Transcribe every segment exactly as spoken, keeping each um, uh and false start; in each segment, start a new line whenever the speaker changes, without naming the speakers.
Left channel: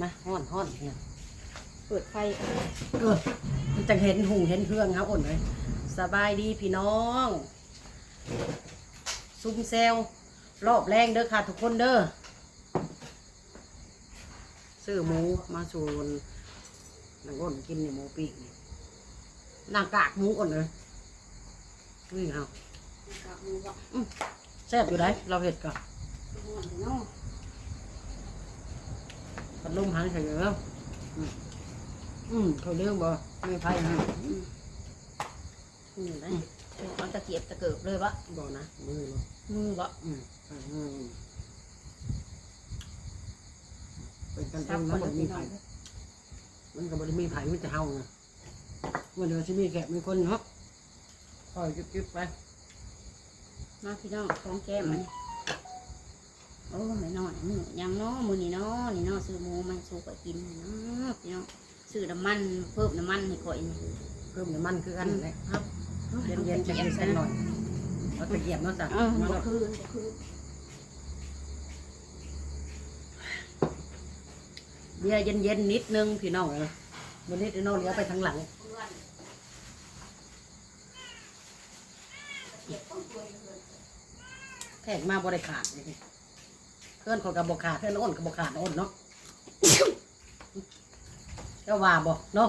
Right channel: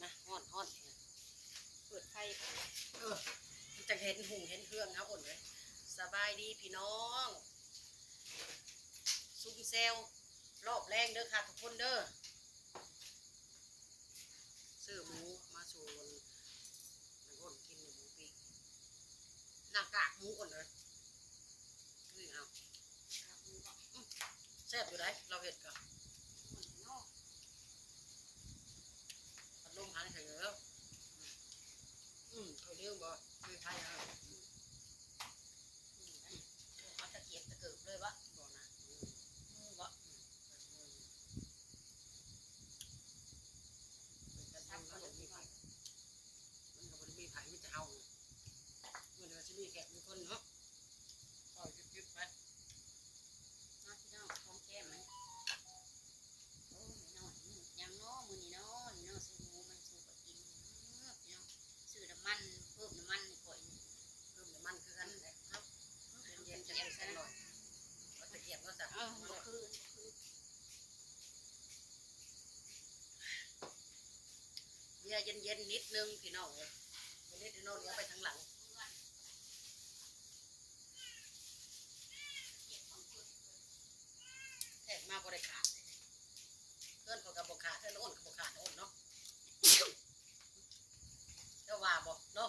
มาฮ้อนฮ้อนเนี่ย
เปิดไฟ
เออมันจะเห็นหุงเห็นเครื่องครับอ่อนเลยสบายดีพี่น้องซุ่มเซลรอบแรงเด้อค่ะทุกคนเด้อซื้อหมูมาสูนนางอ่อนกินเนี่ยหมูปีกนี่นางกากหมูอ่อนเลยนี่เอาแซ่บอยู่ได้เราเห็ดก่อนพัดลมหันใส่เยอะอืมเขาเรื่องบ่ไม่ไพ่อืมอืมได้
เอาตะเกียบตะเกิบเลยปะ
บ่นะมือบ่
มือปะ
อืมอืมเป็นกันเองมันบ่มีไผ่มันก็บ่ได้มีไผ่มันจะเฮาไงมันเดี๋ยวจะมีแขกมีคนเนาะคอยจุ๊บๆไป
มาพี่น้องของแก้มมันโอ้ไม่นอนมือยังเนาะมือนี่เนาะนี่เนาะซื้อหมูมันสู้ก่อยกินเนาะพี่น้องซื้อน้ำมันเพิ่มน้ำมันให้ก่อยนี่
เพิ่มน้ำมันคือกันเลยครับเย็นๆจะกินสักหน่อยเอาตะเกียบเนาะจ้ะมาแล้ว
คืนคืน
เบียร์เย็นๆนิดนึงพี่น้องเออวันนี้พี่น้องเลี้ยวไปทางหลังแขกมาบริขาดนี่เพื่อนเขากับบกขาดเพื่อนอ้นกับบกขาดอ้นเนาะเจ้าว่าบอกเนาะ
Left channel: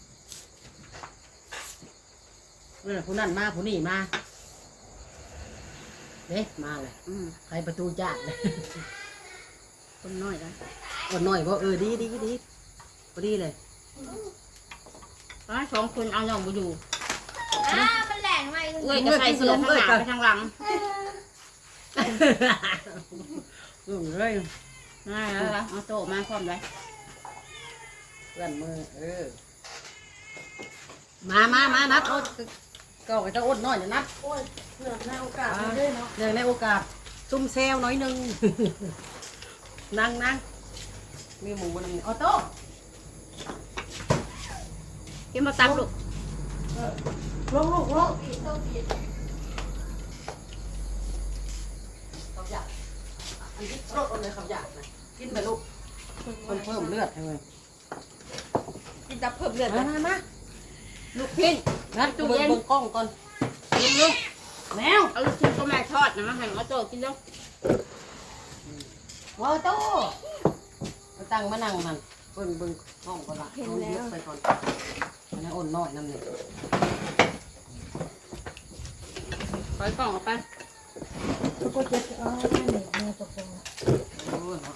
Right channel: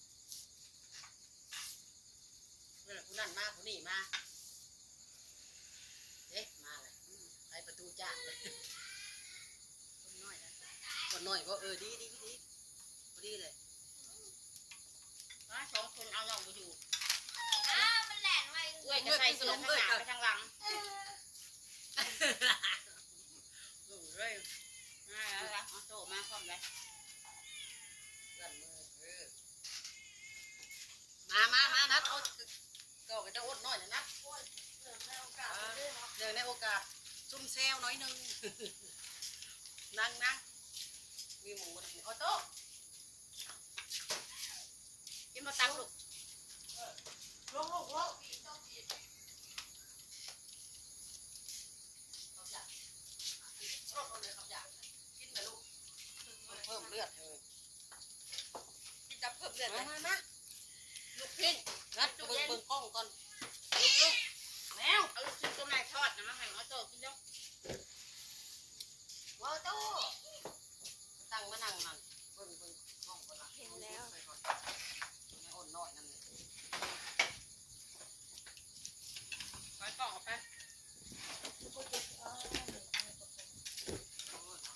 เออผู้นั่นมาผู้นี่มาเด้มาเลยใครประตูจ้าเลย
คนน้อยนะ
คนน้อยบอกเออดีดีดีพอดีเลย
สองคนเอาหน่องมาอยู่
อ้ามันแหลงไว้
เอ้ยจะใส่เสื้อทางหน้าไปทางหลัง
อืมเลย
ง่ายแล้วเอาโต๊ะมาพร้อมเลย
เพื่อนมือเออมามามานัดเอาก็ไปจะอดน้อยจะนัดเนื่องในโอกาสเลยเนาะเนื่องในโอกาสซุ่มเซลน้อยนึงนั่งนั่งมีหมูนึงออโต้
กินมาตักลูก
ลงลูกลงขับยาอันนี้รถอะไรขับยานะกินไปลูกคนเพิ่มเลือดเลย
กินจะเพิ่มเลือด
มามา
ลูกพิ้น
นัดดูเบิ้งกล้องก่อนลูกลูกแมว
เอาลูกชิ้นก็แม่ทอดนะมาให้มาโตกินแล้ว
ออโต้มาตั้งมานั่งมันเบิ้งเบิ้งกล้องก่อนละเอาเยอะไปก่อนอันนี้อ่อนน้อยนั่นเลย
ปล่อยกล่องออกไป
แล้วก็จะเอาหนึ่งเนื้อตกลง
โอ้ย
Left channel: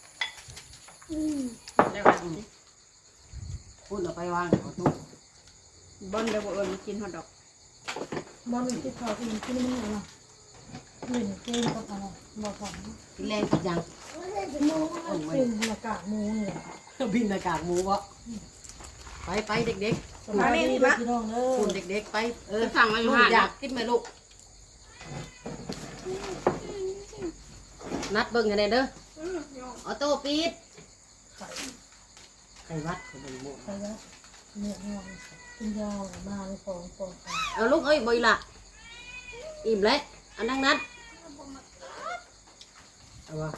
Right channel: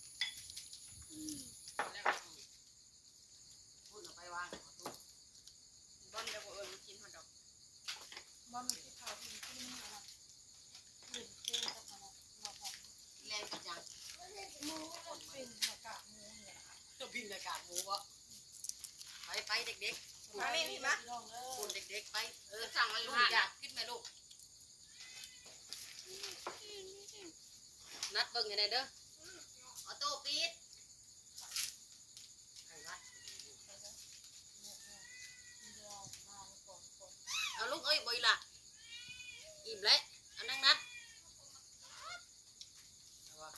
ได้ว่า
พูดเอาไปวางขอตู้
บอนเดี๋ยวบอกว่ากินฮอทดอก
บอลที่เขากินที่นี่อะไรหนึ่งเกมกับอะไรบอกก่อน
กินแรงกินยัง
หมูเป็นอากาศหมูเนี่ย
บินอากาศหมูวะไปไปเด็กๆ
สบายดีพี่น้องเออ
คุณเด็กๆไปเออ
สั่งมาอยู่ห้า
อยากกินไหมลูกนัดเบิ้งยังไงเด้อออโต้ปีดไข่วัดไข่ใบหมู
ใครวะเนี่ยนอนกินยาวมาเลยฟองฟอง
เอาลูกเอ้ยบ่อยละอิ่มแล้วอันนั่งนัดเอาวะ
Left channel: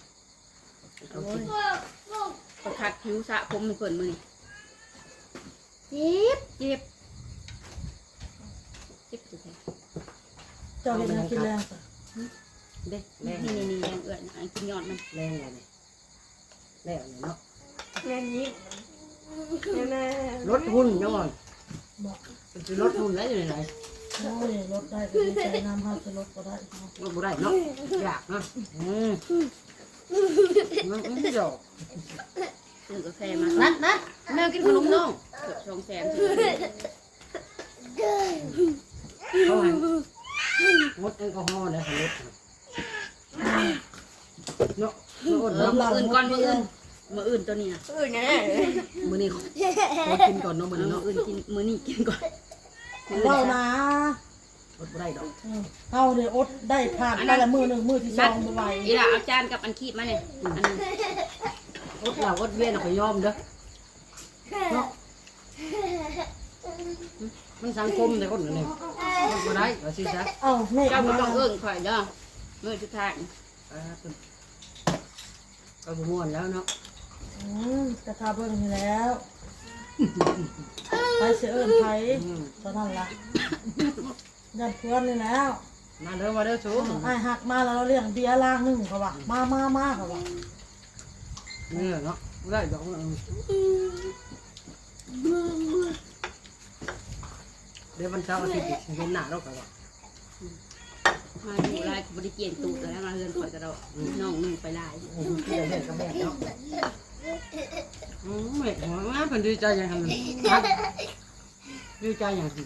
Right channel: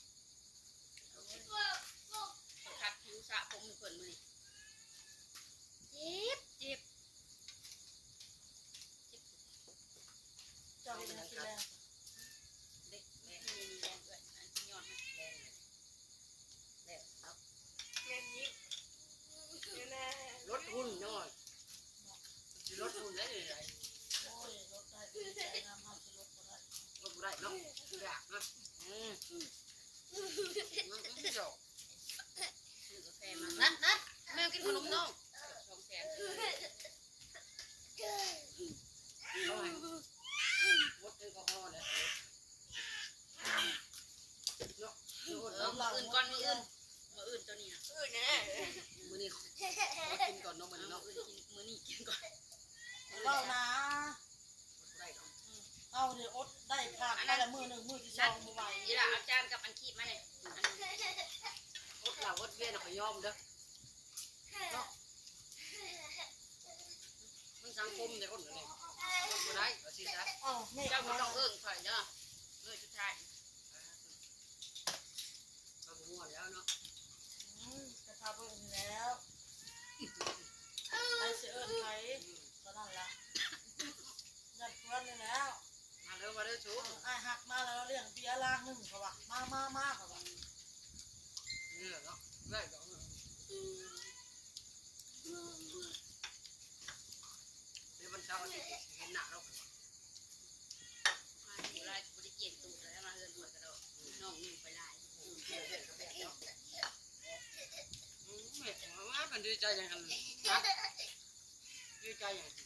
ประคัดผิวสะผมมีคนมือเจ็บเจ็บเจ็บสุดเลย
เจ้าเห็นนะกินแรงป่ะ
เด็กแร
นี่
ง
นี่นี่แรงเอื้อนอันกินยอดมัน
แรงเลยเนี่ยแรงเลยเนาะ
แรงนี้แน่
รถหุ่นจังหวะ
บอก
จะรถหุ่นแล้วอยู่ไหน
โอ้ยรถได้ก็ดีใจน้ำห้าจะรถก็ได้
รถบ่ได้เนาะอยากเนาะอืมมันไม่ดอก
ซื้อกาแฟมา
นัดนัดแมวกินขนมน้อง
เกือบสองแสน
เขาให้งดแอลกอฮอล์เลยค่ะรถเนาะ
เออมืออื่นก่อนมืออื่นมืออื่นตัวนี้นะ
อื่นแน่
มือนี้ขอกินก่อนเนาะมือนี้
มือ
เนาะ
อื่นกินมือนี้กินก่อน
เรานะ
รถบ่ได้ดอก
เอาเดี๋ยวอดได้ผ่านแต่ละมือหนึ่งมือที่สองไป
อีหล่ะเอาจานกับอันคีบมาเนี่ยอัน
รถเรารถเวียนเราไปยอมเด้อเนาะมันสังคมแต่คนนี้รถบ่ได้ก็สิซะ
เอาแม่
เจ้าก็ต้องเอื้องข่อยเด้อมือสุดท้าย
ก็บ่ม่วนแล้วเนาะ
อืมกระทาเบิ่งนี่แล้วไปเสือเอิญไผตอนนั้นล่ะยันเพื่อนนี่แล้ว
มาเด้อมาเด้อชู
ไอ้ายหักมาแล้วเราเลี้ยงเบียร์ล่างหนึ่งเขาว่ามามามาเขาว่า
นี่เนาะได้ดอกเดี๋ยววันเสาร์อาทิตย์เห็นหน้าเราก็ว่า
มาอยู่ลายบริเกียนตูดแล้วมาเฮือนข่อยกระโดดน้องนุ่งไปลาย
โอ้โหเดี๋ยวเห็นกับแม่เนาะอืมแม่หัวงาเป็นดีใจอย่างนั้นดีใจอย่างนั้น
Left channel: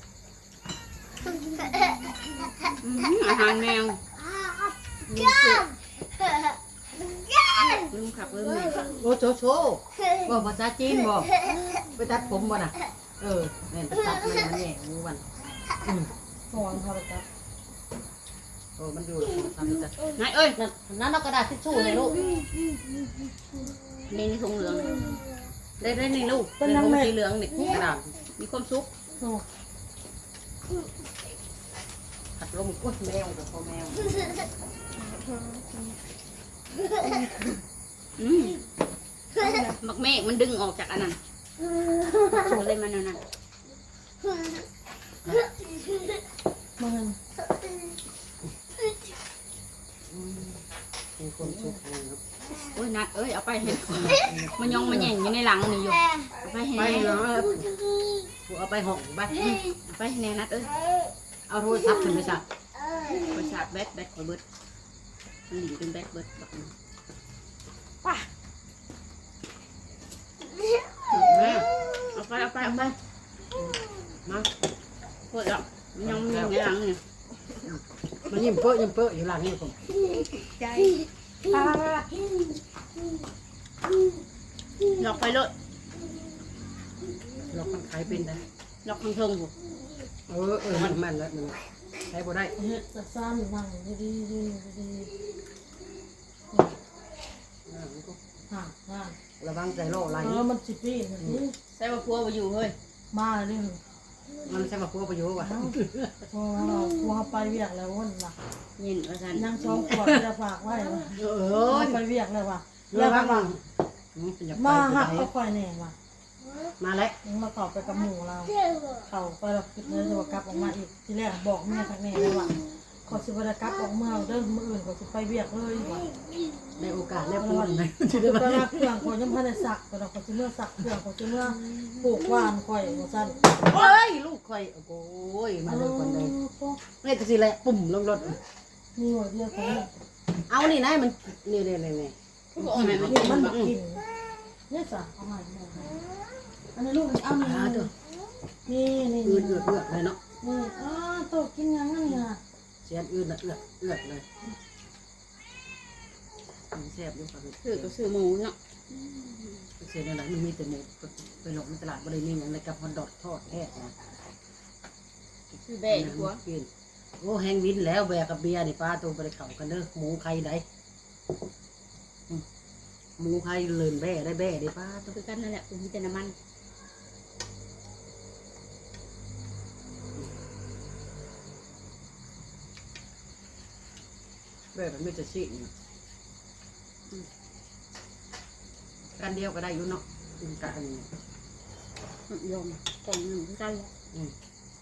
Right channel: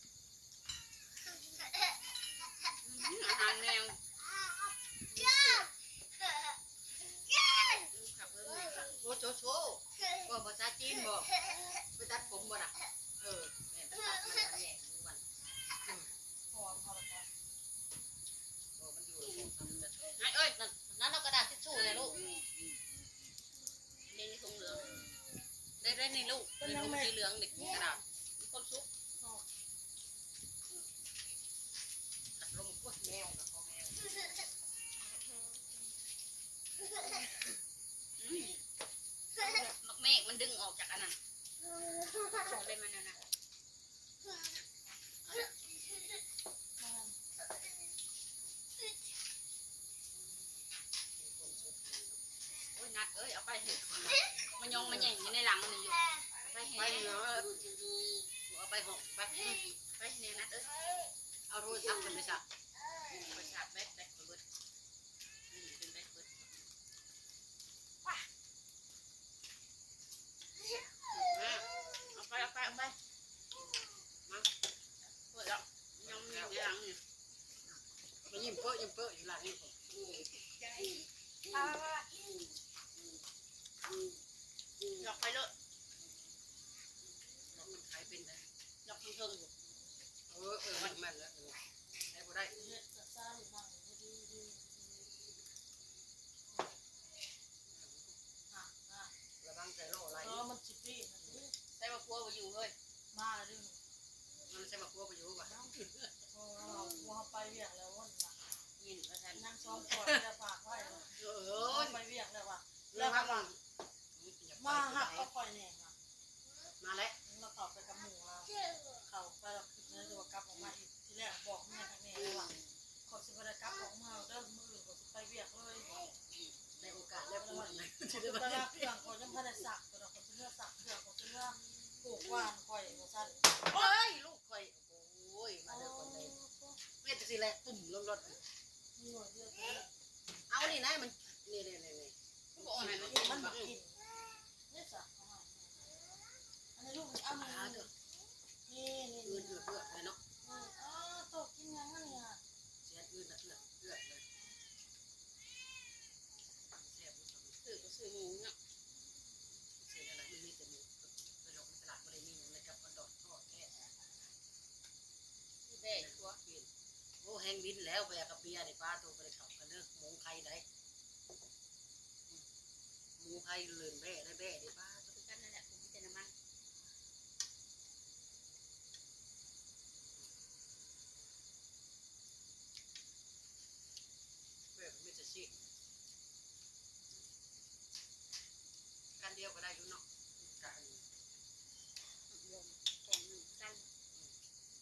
อาหารแมวลุงสุลุงขับเบิ้ง
โอ้โชโชบอกภาษาจีนบอกไปตัดผมบ่น่ะเออแม่ไปตัดแม่แม่งูวันอืม
ห่วงเขาไปจ้ะ
โอ้มันอยู่ทำจ้ะ
นายเอ้ย
นั่นนั่นเอากระดาษทิชชู่เลยลูก
ในในถุงเหลือง
ได้ได้นี่ลูกเป็นผมสีเหลืองนี่กระดาษ
มีความสุข
โอ้
ขัดลมกุ้ยแมวกับพ่อแมว
อืมมักเมฆมันดึงออกจากอันนั้นก็เลยมันอันนั้น
มัน
เป็นคนสุขเลยครับ
โอ้ยนัดเอ้ยเอาไปให้มันยองมันแย่งอยู่ในหลังนี่อยู่เอาไปให้
ไป
แน่
เนาะเอาไปห้องไป
เอาไปให้แน่นัดเอ้ย
เอาโทรศัพท์ขึ้นไปจ้ะ
ไปชาร์จแบตแบตคอยเบิดมันหลิงเป็นแบตเบิดแบบนี้
แม่
เอาไปเอาไปเอาไป
มา
เปิดแล้วมันยังมีอยู่ในหลังนี่
มันยิ้มเปื้อยิ้มเปื้ออยู่หลังนี่ผม
ใจ
ตา
หลอกไปเลย
เราคนขายเป็นนะ
หลอกทางเทิงผม
เออเออมันมันแล้วมันใช้บ่ได้
เฮ็ดจะซ่านนั่งดีดีดีดีห่างห่าง
ระวังใจโลไหล
เออมันสิปีนนี่
ใส่ว่าพัวไปอยู่เฮ้ย
มาเลย
มันใช่มาพัวประโยชน์ว่ะ
พอเราพอไปเวียกแล้ววันละ
ยินว่าสัน
นั่งสองขวดจะฝากไว้
เอ
เอ
อ
อไปเวียกเลยว่ะ
แล้
แล้ว ว
ก็
ก็
มา
มาหักก็ค่อยแน่ว่ะ
มาแล้ว
มาตอบไปกับหมู่เราเขาไปเราคิดเลยจะว่ากลับออกมาอีกทีแรกบอกแม่ทางแม่เลยว่าขอสิบกลับออกเมืองเดินมืออื่นขอสิไปเวียกเลยว่ะ
ในโอกาสได้พูดเลย
คือตลาดเครื่องขอยังพันในสักแต่เราขอสิเมื่อสักเครื่องขอสิเมื่อปลูกว่านค่อยว่าสั้น
เฮ้ยลูกคอยโอ้ยมาเลยคนใดนี่จะสิแหละปุ่มลงรถ
มีหัวเดียวกัน
เอานี่นะมันนี่นี่นี่นี่
ผู้บอกให้มัน
กินมันกินเนี่ยจ้ะเอาใหม่อันนี้ลูกเอานี่นี่นี่
อื
นี่
ดเอือดเอือดเลยเนาะ
นี่อ๋อโตกินยังนี่นะ
เสียนอืดเอือดเอือดเลยมันแซ่บอยู่ครับ
ซื้อก็ซื้อหมูเนาะ
เสียนอะไรมันมีแต่หมูไปหลงในตลาดบริเวณอย่างไรกับฮอทดอกทอดแท้นะ
ซื้อแบะดีกว่า
กินโอ้แห้งวินแล้วแบกกับเบียร์นี่ป้าตัวไปเข่ากันเด้อหมูไข่ได้หมูไข่เลินแบ่ได้แบ่ได้ป้าตัว
คือกันนั่นแหละผมมีแต่น้ำมัน
แบ่แบบไม่จะชินกันเดียวก็ได้อยู่เนาะกัน
ยมกล่องหนึ่งคือกันแหละ
อืม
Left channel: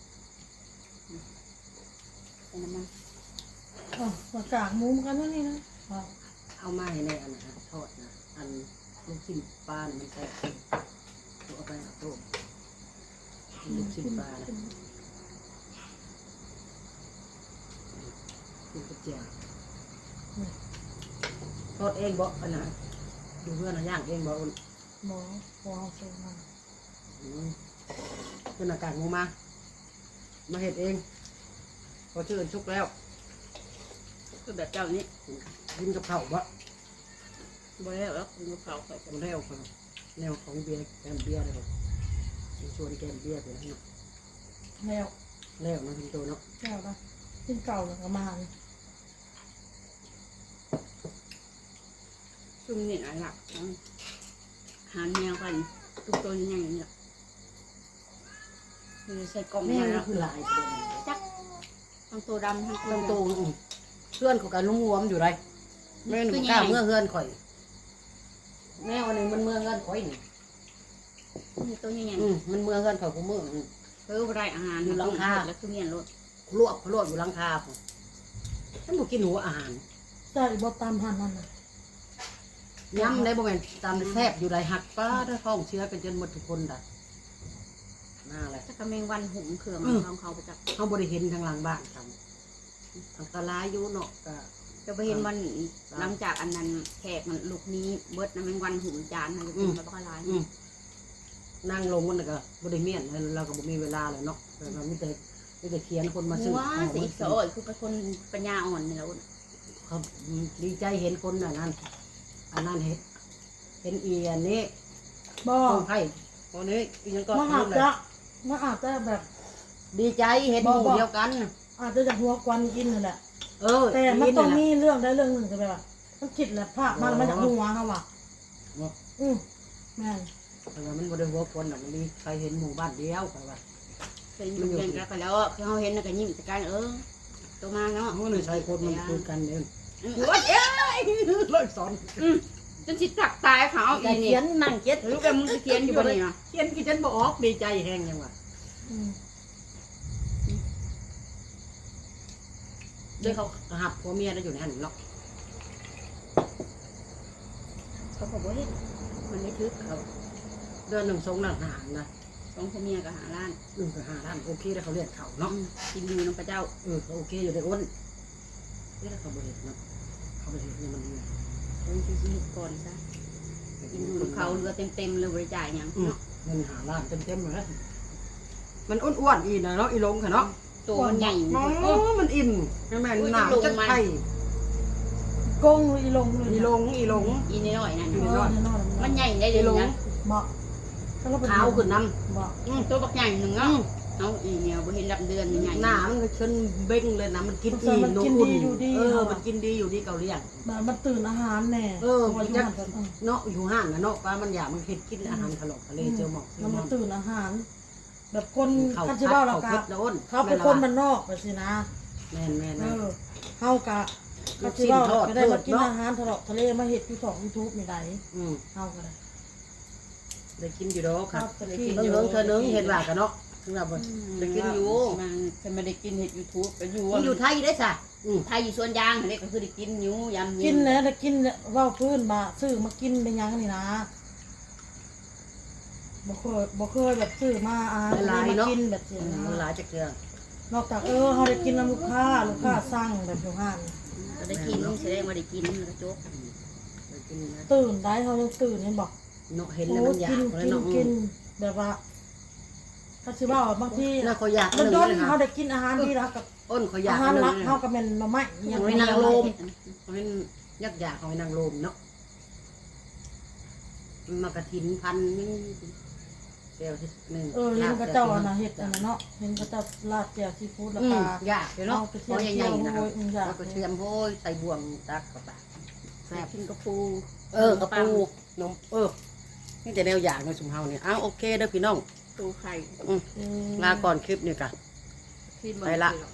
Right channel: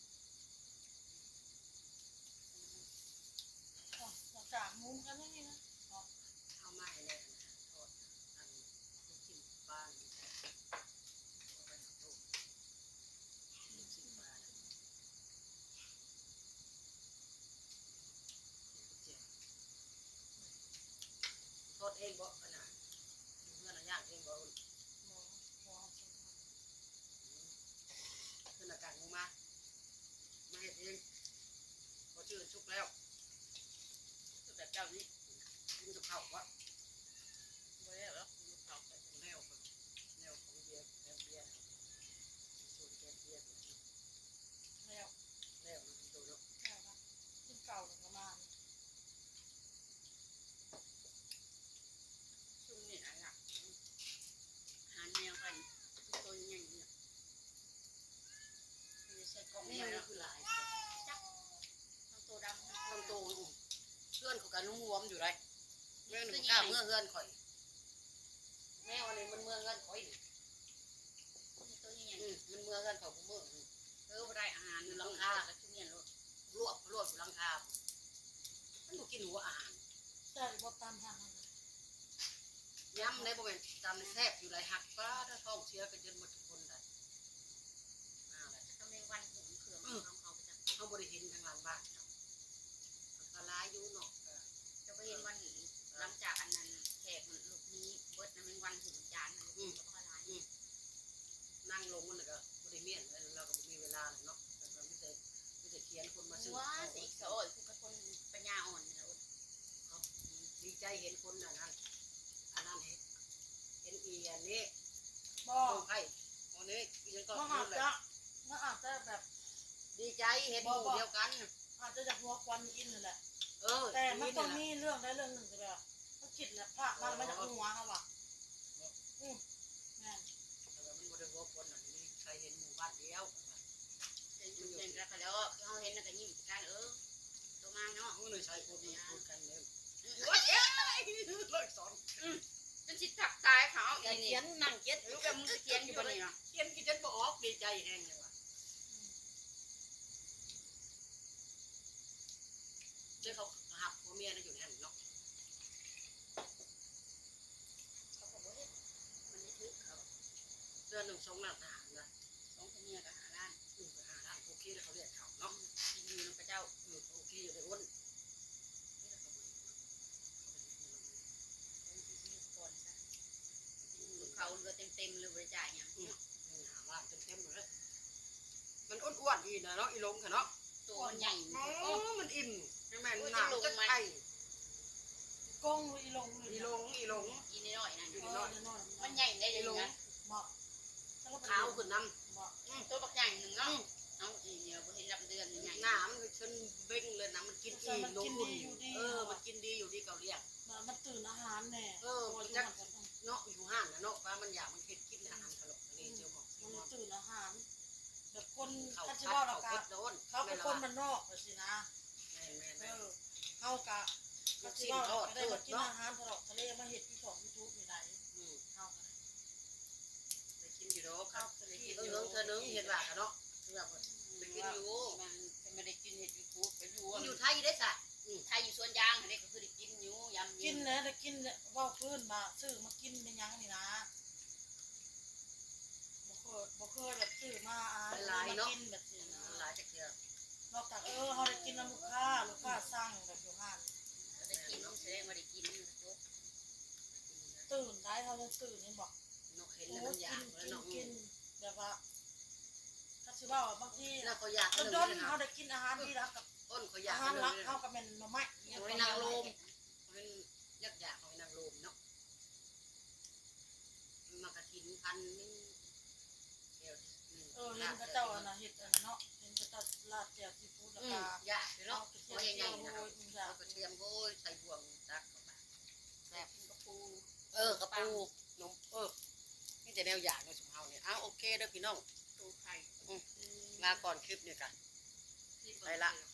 แต่น้ำมัน
อ๋อมากากมุมกันนั่นนี่นะอ๋อ
เอามาให้ในอันนะทอดนะอันลูกชิ้นปลาเนี่ยมันแซ่บตัวเอาไปเอาตัวลูกชิ้นปลานะกินกระเจียวทอดเองบ่อันน่ะดูเพื่อนนะย่างเองบ่อุ่น
หมอหมอส่งมา
อืมเป็นอากาศงูมา มาเห็ดเอง พอชื่อชุกแล้ว
คือแบบเจ้านี้
กินกับเผาวบ่
บ่แล้วแล้วคุณก็เผาไป
เอาแนวของแนวของเบียร์แกมเบียร์เลยครับชวนแกมเบียร์ไปแล้วเนาะ
แล้ว
แล้วนะคุณโตเนาะ
แล้วนะกินเก่าหรือประมาณ
ซุ่มนี่อันหลักของหารแมวกันทุกตัวยังไงเนี่ยคือใส่กล่อง
แม่
มา
นี่
แล้ว
คือหลายตัว
ทั้งตัวดำทั้งตัว
เริ่ม
ดำ
โตอืมเพื่อนเขากันลุงรวมอยู่ไรแม่หนุ่มกล้าเมื่อเพื่อนข่อย แมวอันนี้มันอยนี่
มีตัวใหญ่
อืมมันเมื่อเฮือนเขาผู้มือ
ๆเพิ่มได้อาหารอยู่หลังคาแล้วคือเมียนรถ
ลวกลวกอยู่หลังคาผมฉันบ่กินหัวอาหาร
ได้บ่ตามหันนั่นน่ะ
ย้ำได้บ่แม่นตามแซ่บอยู่ไรหักป้าถ้าท้องเชื้อกันจนหมดทุกคนได้น่าแหละ
ถ้ากระเมงวันหุงเครื่องของเขาไปจับ
เขาบ่ได้เห็นทางหลังบ้านเขาอันตรายอยู่เนาะก็
จะไปเห็นวันหลังจากอันนั้นแขกมันลูกนี้เบิดนะแมงวันหุงจานนะจะกินมาบ้าลาย
อืมนั่งลงมันก็บ่ได้เมียนเราก็บ่มีเวลาเลยเนาะแต่เรามีแต่มีแต่เขียนคนมาซื้อ
ว้า
ของ
สี
มา
โซ
ซื้อ
ยคือเป็นคนปัญญาอ่อนนี่แล้ว
เขาดีใจเห็นคนอันนั้นอันนั้นเห็นเห็นอีอันนี้
บ่
คนไผ่คนนี้อีนั้นก็
มาอาจจะมาอาจจะแบบ
ดีใจเห็นหมู่เดียวกัน
อาจจะจากหัวควันกินนั่นแหละ
เออ
แต่มันต้อง
นี่
มี
แหละ
เรื่องได้เรื่องหนึ่งจะแบบว่ามันคิดแหละภาพมันมันจากหัวเขาว่ะอืมแม่น
แต่ว่ามันบ่ได้หัวคนน่ะมันมีใครเห็นหมู่บ้านเดียวไปว่า
เป็นอยู่เป็นกันแล้วคือเขาเห็นแล้วก็ยิ้มแต่กันเออตัวมาเนาะ
มันเลยใช้คนมันคุยกันเด้อ
ว่าเอ๊ะ
เลิกสอน
จนสิตักตายเขาอี
เขี
นี่
ยนนั่งเขียน
รู้กันมึงเขียนอยู่นี่นะ
เขียนกี่ฉันบ่ออกดีใจแฮงยังว่า
อืม
เดี๋ยวเขาหับผัวเมียได้อยู่ในหันหรอก
เขาบอกว่ามันไม่ทึกเขา
เดือนหนึ่งสองล้านหารนะ
สองพ่อเมียกับหาล้าน
หนึ่งกับห้าล้านโอเคแล้วเขาเรียกเขาเนาะ
กินอยู่น้ำพระเจ้า
เออเขาโอเคอยู่ในอ้นเอ๊ะแล้วเขาบริเวณเนาะเขาบริเวณนี่มันเนี่ย
เป็นชีวิตก่อนซะกินอยู่น้ำเขาเรือเต็มๆเลยบริจาคอย่าง
อืม
เนาะ
เงินหาล้านเต็มๆเลยมันอ้วนๆอีนะเนาะอีลงค่ะเนาะ
ตัวมันใหญ่
โอ้มันอิ่มใช่ไหมหนาวจะไข่
กงอีลงเลย
อีลงอีลง
อีนิดหน่อยนั่น
เออแน่นอน
มันใหญ่ได้เดี๋ยวนี้
บ่ถ้าเราเป็น
ขาวขึ้นน้
บ่
อืมตัวบักใหญ่หนึ่งเนาะเอาอีเนี่ยบ่เห็นรับเดือนใหญ่
ำหน้ามันก็ชนเบ้งเลยนะมันกินอิ่มนอุ่นเออมันกินดีอยู่ดีเกาหลีอ่ะ
แบบมันตื่นอาหารแน่
เออ
พ
มัน
ยู่
จะ
หันกันเออ
เนาะอยู่ห้างนะเนาะว่ามันอยากมันเห็ดกินอาหารทะเลทะเลเจอหมอก
มันมาตื่นอาหาร แบบคน
เขา
คัน
พั
ชิ
ด
เบ้าเรา
เขา
กะ
เพ็ดนะอ้น
เขาเป็นคนมันนอกแบบสินะ
แม่นแม่น
เอ
แม่น
อเฮากะคันชิเบ้าเราก็ได้มากินอาหารทะเลาะทะเลมาเห็ดอยู่สองยูทูบไม่ได้
อืม
เฮาก็ได้
ได้กินอยู่ดอกครับ
ครับ
เบิ่งเบิ่งเธอนึงเห็นว่ากันเนาะถึงว่าบ่ได้กินอยู่
มันฉันไม่ได้กินเห็ดยูทูบไปอยู่
มันอยู่ไทยได้ซะอืม
ไทยอยู่สวนยางนี่ก็คือได้กินอยู่ยำ
กินแล้วได้กินแล้วเว้าพื้นมาซื้อมากินได้ยังนี่นะบ่เคยบ่เคยแบบซื้อมาอาหารทะเลมากินแบบสินะ
มันหลายจักเทื่อน
อกจากเออเขาได้กินน้ำลูกค้าลูกค้าสั่งแบบอยู่ห้าน
ก็ได้กินแสดงว่าได้กินกระจก
ได้กินนะ
ตื่นได้เขายังตื่นนี่บอก
เนาะเห็น
โอ้
แล้วมันอยาก
กิน
แล้ว
กิน
เนาะ
กินแบบว่าถ้าสิว่าบางที
แล้วเขาอยาก
มัน
นึง
โดน
เลย
เขา
ค่ะ
ได้กินอาหารดีแล้วกับ
อ้นเขาอยา
อาก หาร
นึง
รัก
เลย
เขากับเป็นหน่อไม้ยัง
เอาไว้
ไม่
นั่ง
เอา
ล
เลย
มเขาเป็นยักษ์อยากเขาไปนั่งลมเนาะมันมากระถินพันนึงเดียวที่หนึ่ง
เออเห็นกระเจ้าอันน่ะเห็ดอันนั้นเนาะเห็นกระเจ้าลาดแจ่วซีฟู้ดแล้ว
อื
ก็
มยากเนาะ
เอาไป
เพราะ
เทียม
ใหญ่ๆนะครับ
โอ้ยอืมอยาก
แล้วก็เทียมโห้ยใส่บ่วงตักกระปะแซ่บ
กินกระปู
เออกระปูนมเออนี่จะแนวอย่างในสุมเฮาเนี่ยอ้าวโอเคเด้อพี่น้อง
ปูไข่
อืม
เออ
ลาก่อนคลิปนี่กัน
ที่
ไปละ
เบิ่ง